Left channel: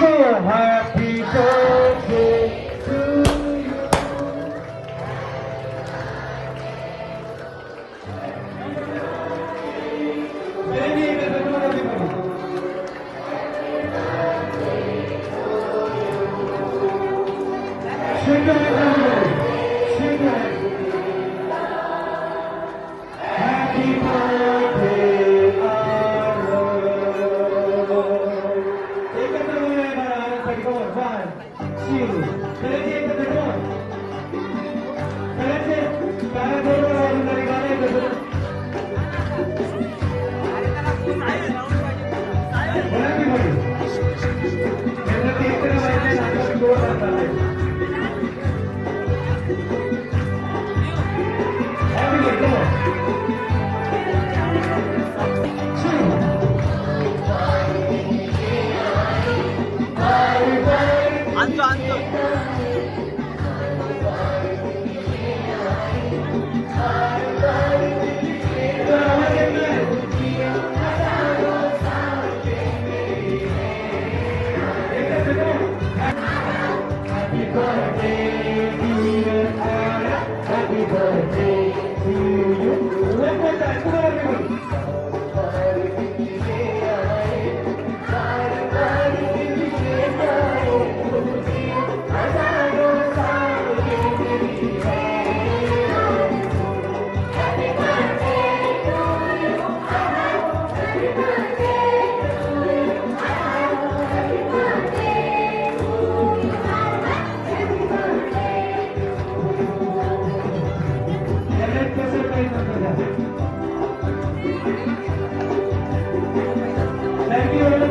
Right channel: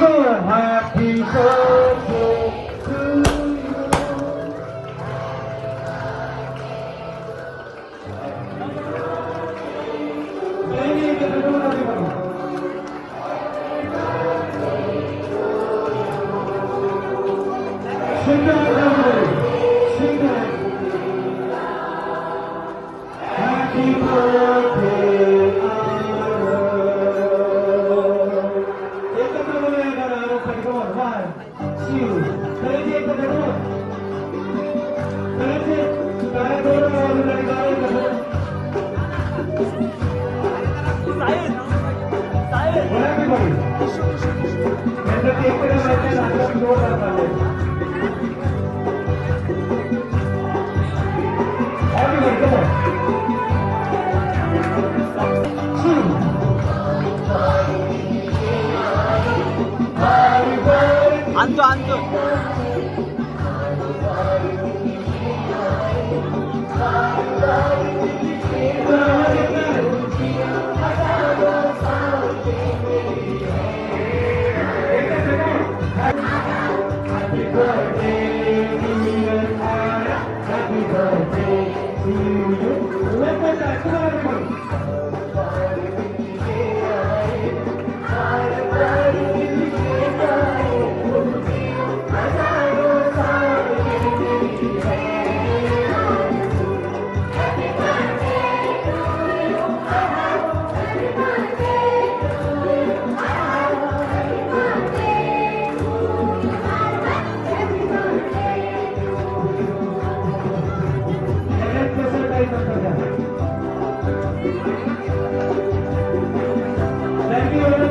So happy birthday to you. Sing it, everybody. Sing it. Happy birthday, Arnold. एकत्र बोलूया जरा आनंदसाठी. Come on, 1, 2. करायचे एकत्र, come on. करायचे. टाळ्या जोरदार वाजवून जरा गाणं एकत्र. बोला की मग. त्यांचं ते एकत्र वाजले, नाटक जोरदार चाललंय. Happy birthday, come on. आणतो आणतो Happy birthday, dear Anna. Happy birthday to you. One more time, come on, everybody. Thank you.